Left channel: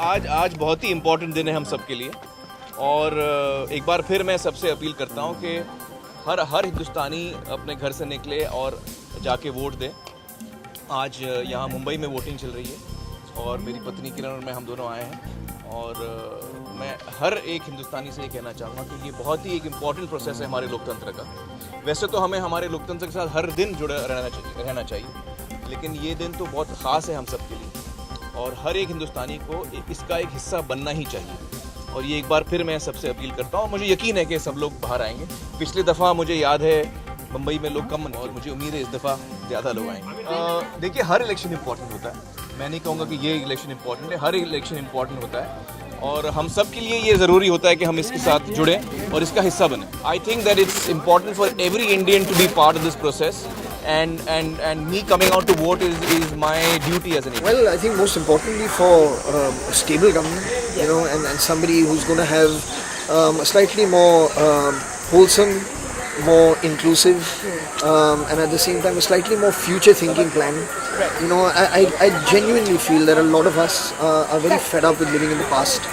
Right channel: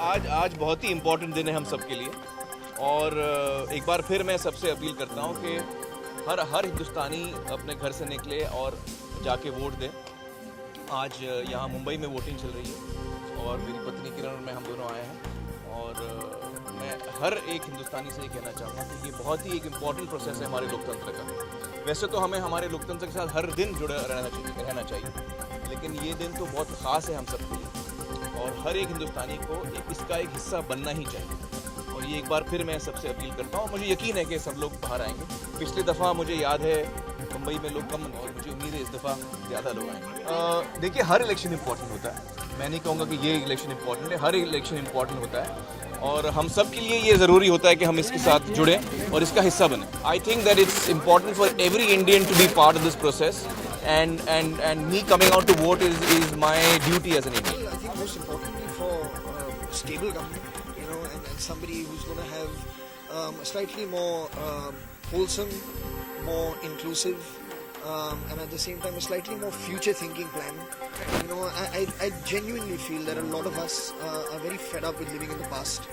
आज बहुत ही इम्पोर्टेंट दिन है हम सब के लिए और एक बार फिर मैं सबसे अपील करता हूँ कि हर हिंदुस्तानी अपने घर से निकले और जाके वोट दे। आज यहाँ मुंबई में वोटिंग चल रही है और मेरी पत्नी किरण और मैं हम दोनों आए हैं और मैं हर एक हिंदुस्तानी से ये कहना चाहूँगा कि ये बहुत ही एक इम्पॉर्टेंट प्रोसेस है हमारे लोकतंत्र का। वैसे तो हमें हमारे लोकतंत्र के साथ हर दिन जुड़े रहना चाहिए, लेकिन ये दिन तो बहुत ख़ास है हम सब के लिए और हर एक हिंदुस्तानी को इसका एक हिस्सा बनना ही चाहिए। और ये एक बार फिर मैं सबसे अपील करता हूँ। मुझे यकीन है कि सब लोग बाहर आएंगे। पिछली दफ़ा मुझे याद है मुंबई में लोग कम और मुझे उम्मीद है इस दफ़ा ज़्यादा लोग आएंगे। देखिए, हर इलेक्शन इम्पॉर्टेंट होता है। मैं नहीं कहूँगा कि ये इलेक्शन इम्पॉर्टेंट है, हर इलेक्शन इम्पॉर्टेंट होता है और हम सब के लिए ये ज़रूरी होता है कि हम इसके साथ जुड़ें और इसका हिस्सा बने। I think that it's important for every Indian to be part of this process and me coming out to vote is my duty as an Indian. Well, I think most importantly for a stable government, you know, and somebody who's going to have a slightly more wholesome, more inclusive, and at the same time a slightly more future-thinking plan. You know, I genuinely feel that a lot of us are very fed up with living in the past.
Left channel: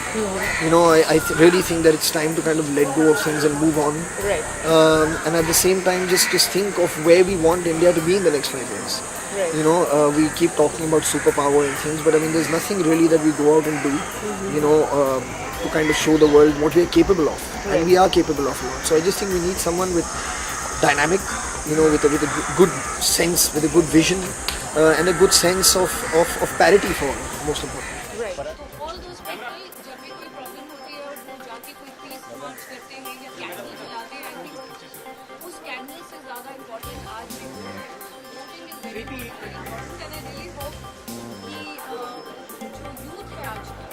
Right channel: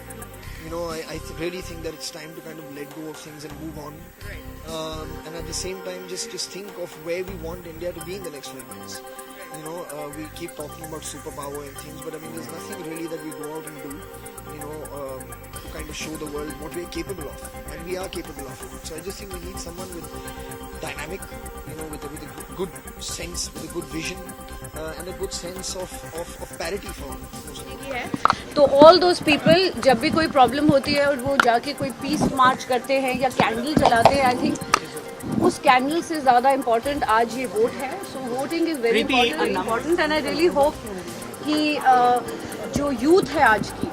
You know, I really think that it's time to kind of let go of things and move on. Right. And at the same time, just think of where we want India to be in the next 5 years. Right. You know, we keep talking about superpower and things, but I mean, there's nothing really that we go out and do, you know, to kind of show the world what we're capable of. And we are capable of a lot. So I just think we need someone with dynamic, you know, with a good sense, with a good vision, and a good sense of parity for most of us. तो all those people जब भी कोई problem होती है और वो जाके कोई पीस मार्च करते हैं या कैंडल जलाते हैं, आई थिंक उस कैंडल से ज़्यादा इम्पोर्टेंट आज ये वोट है। So voting is very important and I really hope कि जो यूथ है आज की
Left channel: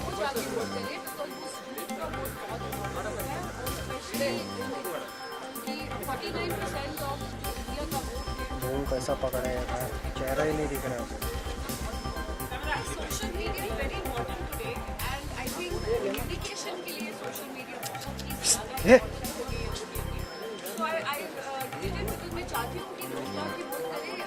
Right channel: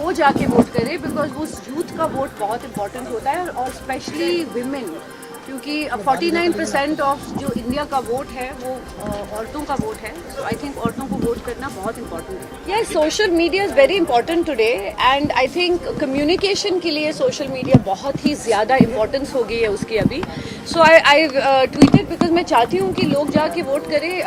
वो जाके वोट करे, बिकॉज उस यूथ का वोट बहुत इम्पोर्टेंट होता है और स्पेशली विमेन, क्योंकि 49% ऑफ जो इंडिया का वोट है वो औरतों का वोट है। तो आई थिंक औरतों को वोट करना बहुत इम्पोर्टेंट है। Yes, social media is very important today and I think communication के लिए सोशल मीडिया बहुत ही ज़्यादा इम्पोर्टेंस हो गई है उसकी अभी। सो आई ट्वीटेड बिकॉज मैं चाहती हूँ कि लोग जाके वोट करें।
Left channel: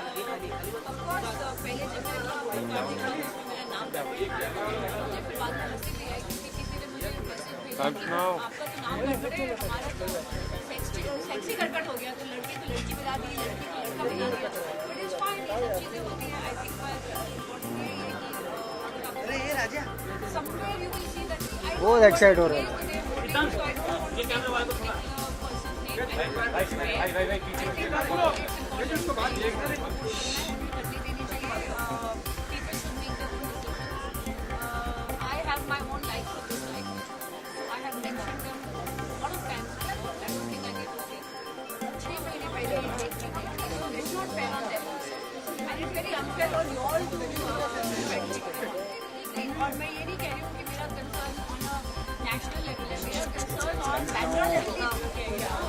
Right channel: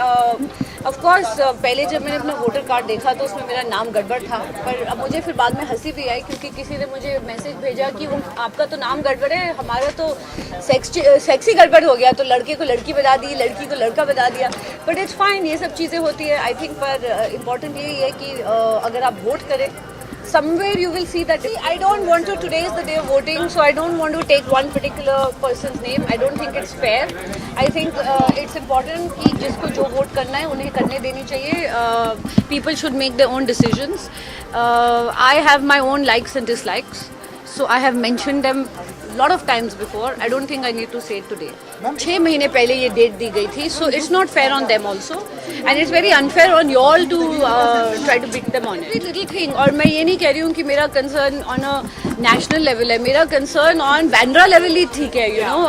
ऑफकोर्स पहले जब मैंने अपना वोटर कार्ड देखा तो उसमें मेरा नाम गड़बड़ था, पर अब मुझे फिर बाद में हंसी भी आई क्योंकि किसी ने मुझे मैसेज भेजा कि आपका तो नाम गड़बड़ है, हमारा तो सेक्सी गड़बड़ हो गया, तो लड़के को लड़की बता दी, लड़की को लड़का बता दिया। बट इट्स फाइन, ये सब चीज़ें होती है आई थिंक। पर इम्पॉर्टेंट यही है कि अगर आप वोट करें, somewhere you will see that I don't want to, today is the day of voting, so I don't want to take one particular person's name. I don't think it's fair. I think it's important कि जिसको जो vote करना है उन्हें करने देनी चाहिए। People should make their own decisions. I have my own likes and dislikes, so I have mentioned them lot of times before. I don't think I need to say it today. 6 महीने पहले ये date दी गई थी, so it's not fair on them also, and it's very unfair on you all to try to pick them on it. Little thing, और मैं ये नहीं कह रही हूँ कि मेरा concern on a national level है, मेरा concern on Bandra level ही ठीक है, you know.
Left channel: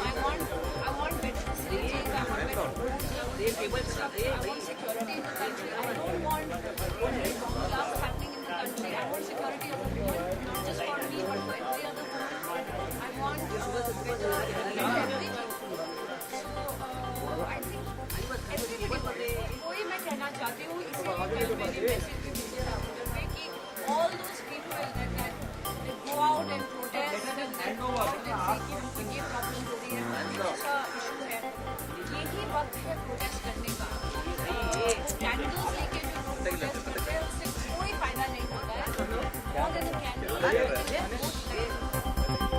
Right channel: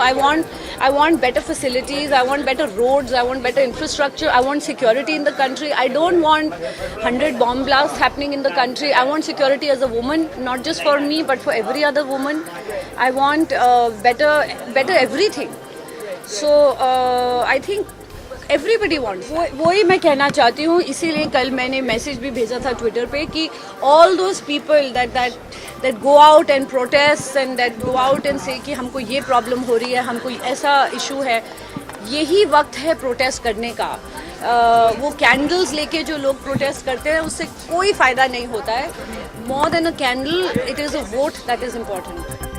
I want better facilities, I want better roads, I want better infrastructure, I want security in the country. I don't want 100 bomb blasts happening in the country. I want security as a woman, not just for me but for every other woman. I want better everything. So I think everybody wants. वही मैं कहना चाहती हूँ, इसीलिए कल मैंने message भी भेजा था ट्विटर पे कि all those people that go out and protest and that go out and say कि हमको ये प्रॉब्लम हो रही है, हमको ऐसा इशू है, यही वक्त है प्रोटेस्ट करने का। वो कैंडल्स लेके जो लोग प्रोटेस्ट करते हैं उससे कोई फ़ायदा नहीं होता है। More than a candle, it is a vote that is important.